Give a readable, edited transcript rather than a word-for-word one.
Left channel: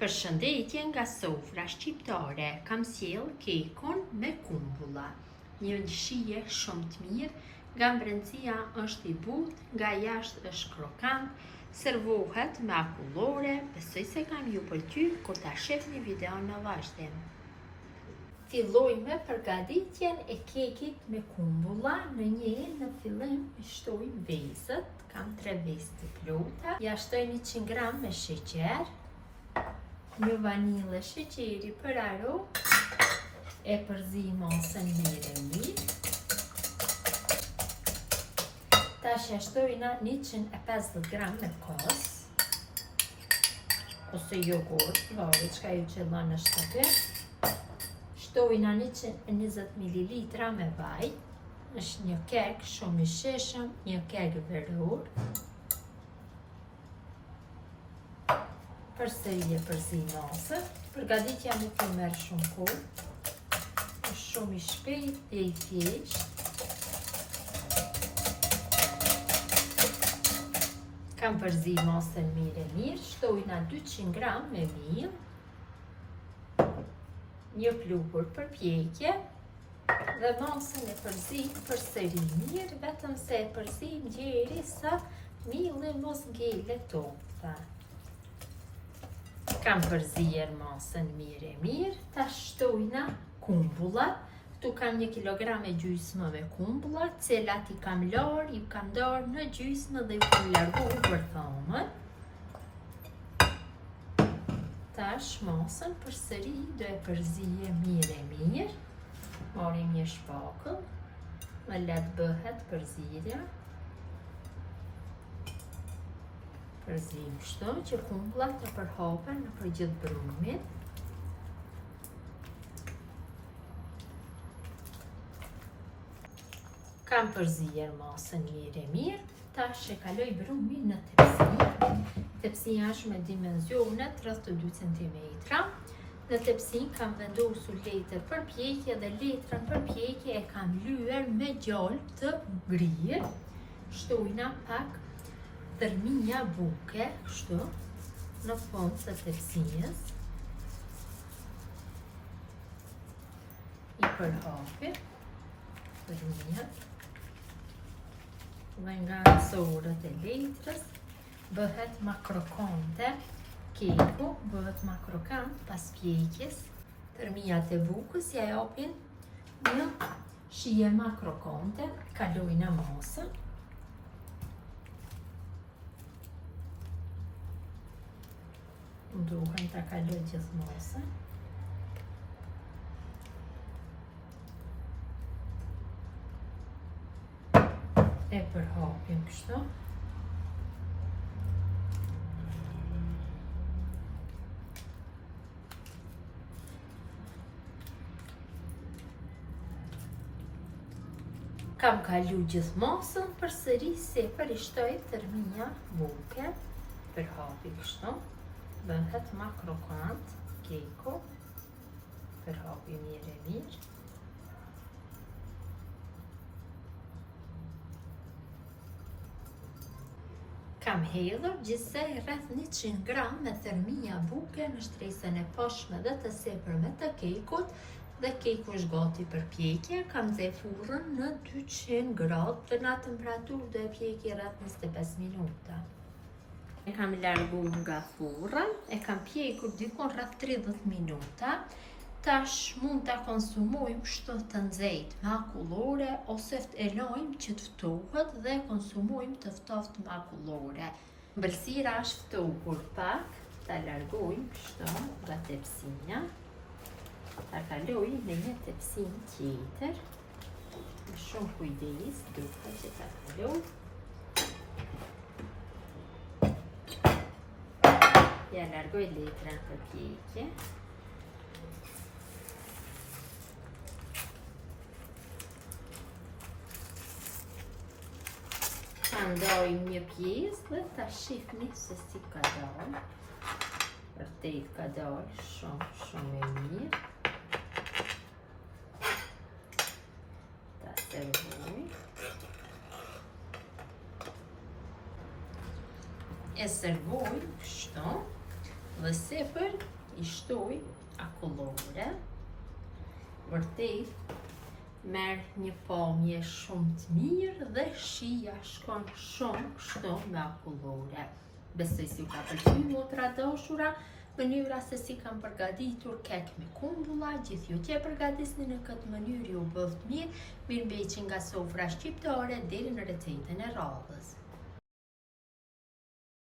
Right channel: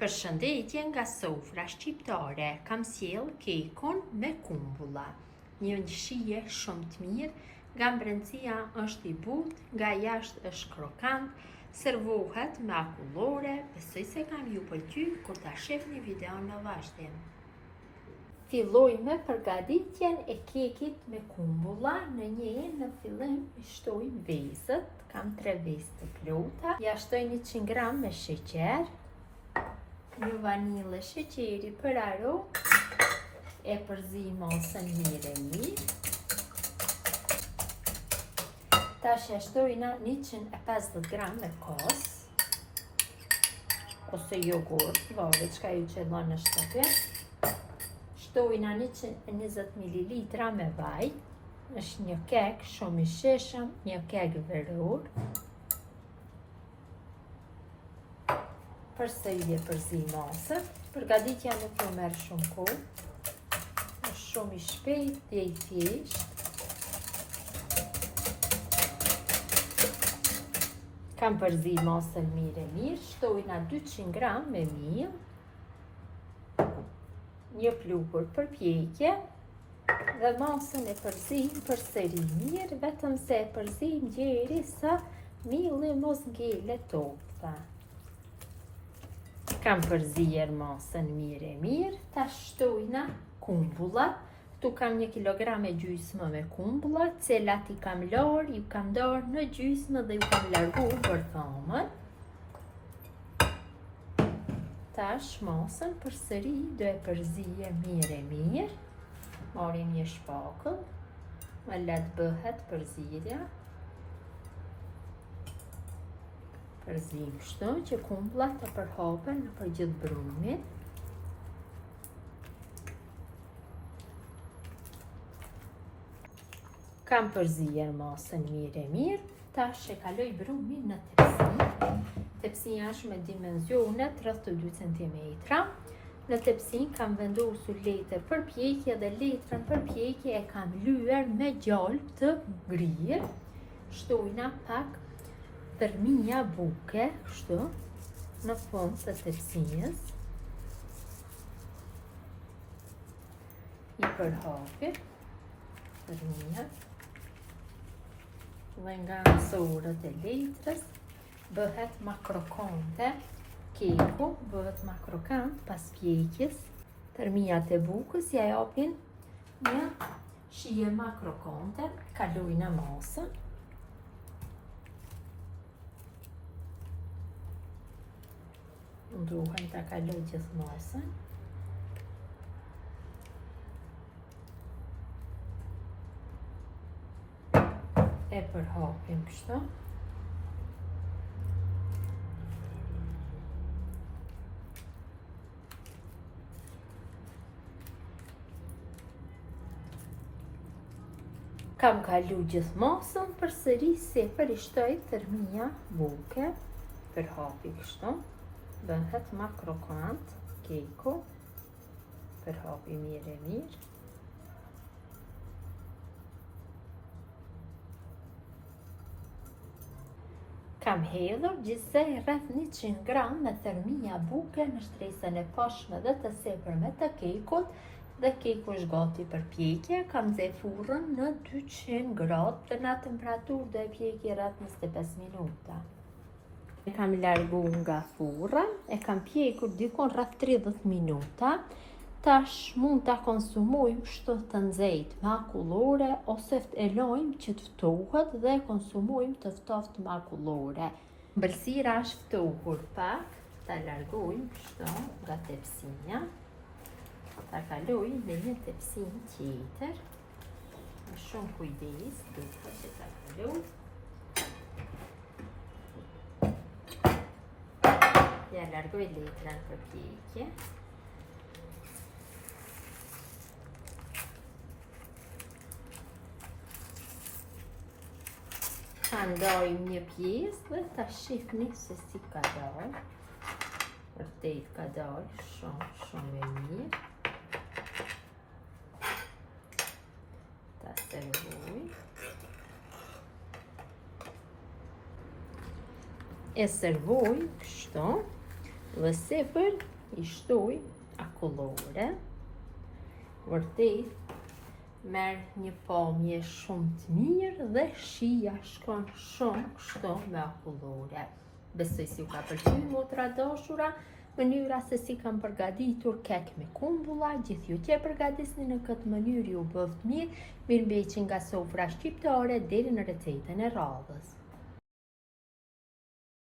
Përshëndetje nga sofra shqiptare, kam sjell kekun me kumbulla. Një shije shumë të mirë, nga brendësia është i butë, nga jashtë është krokant, servohet me akullore, besoj se kam ju pëlqy kur ta shihni videon në vazhdim. Filloj me përgatitjen e kekit me kumbulla. Në fillim i shtoj vezët, kam 3 vezë të plota, ja shtoj 100 gram me sheqer, një vanilë sheqeri për aromë, e përzi masën mirë. Tash ja shtojna 150 gram me kos ose jogurt, varet çka ju qëllon në shtëpi. Shtojna 120 ml me vaj, është një kek shumë i shishëm, një kek veror. Përsëri e përzi masën. Përgatitja nuk e merr shumë kohë, është shumë i shpejt e i thjeshtë. Kam përzi masën mirë, shtojna 200 gram me miell, një pluhur për pjekje dhe masën e përzim përsëri mirë, vetëm se e përzim derisa mielli mos ngelet topta. Kam përzier masën mirë, ta shtojna kumbullat. Këtu kam 1,5 kilogram me kumbullat, cilat i kam larë, ju kam darë në gjysmë dhe ju kam largu për thomën. Tash masën përsëri do e përzije mirë. Marim një shpakull, më letë bëhet përzirja. Përzim kështu që kumbullat të përhapen për gjithë brumin. Kam përzier masën mirë, tash e kaloj brumin në tepsi. Tepsia është me dimenzionet rreth 2 cm. Në tepsi kam vendosur letër për pjekje dhe letrën për pjekje e kam lyer me gjalp të brirë. Shtojna pak tërmija buke, kështu, në fund të tepsijës. I përhapim tërmija. Dhe nga ansorët e letrës bëhet ma krokante, keku bëhet ma krokant pas pjekjes. Tërmijat e bukës ja japin një shije ma krokante, kalojna masën. Duhem ta kaloj gjithë masën. E përhapim kështu. Kam kalu gjithë masën, përsëri sipër i shtoj tërmija buke, përhapi kështu. Bëhet ma krokant keku, përhapi mirë. Kam hedhur gjithsej rreth 100 gram me tërmija buke në shtresën e pashme dhe të sipërme të kekut, dhe keku është gati për pjekje. Kam nxjerr furrën në 200 gradë dhe në temperaturë do e pjekje rreth 25 minuta. E kam largu nga furra, e kam pjekur dikon rreth 30 minuta. Tash mund ta konsumojmë kështu të nxehtë me akullore ose e lojmë që të ftohet dhe konsumojmë të ftoftë me akullore. Mbëlsira është ftohur pak, ta largojmë kështu nga tepsia. Ta kaloj në një tepsim tjetër. Me shumë kujdes, duhet që ta kaloj. Ja largoj letrën për pjekje. Ta ndajmë një pjesë dhe ta shihni se si ka dalë. Vërtet ka dalë shumë e mirë. Ta servoj. E servoj kështu. Dhe sipër I shtoj akullore. Vërtet merr një pamje shumë të mirë dhe shija shkon shumë kështu me akullore. Besoj si ka pëlqyer motra dashura, mënyra se si kam përgatitur kek me kumbulla, gjithë ju që e përgatisni në këtë mënyrë ju bëft mirë, mirëmbajtje nga sofra shqiptare deri në recetën e radhës.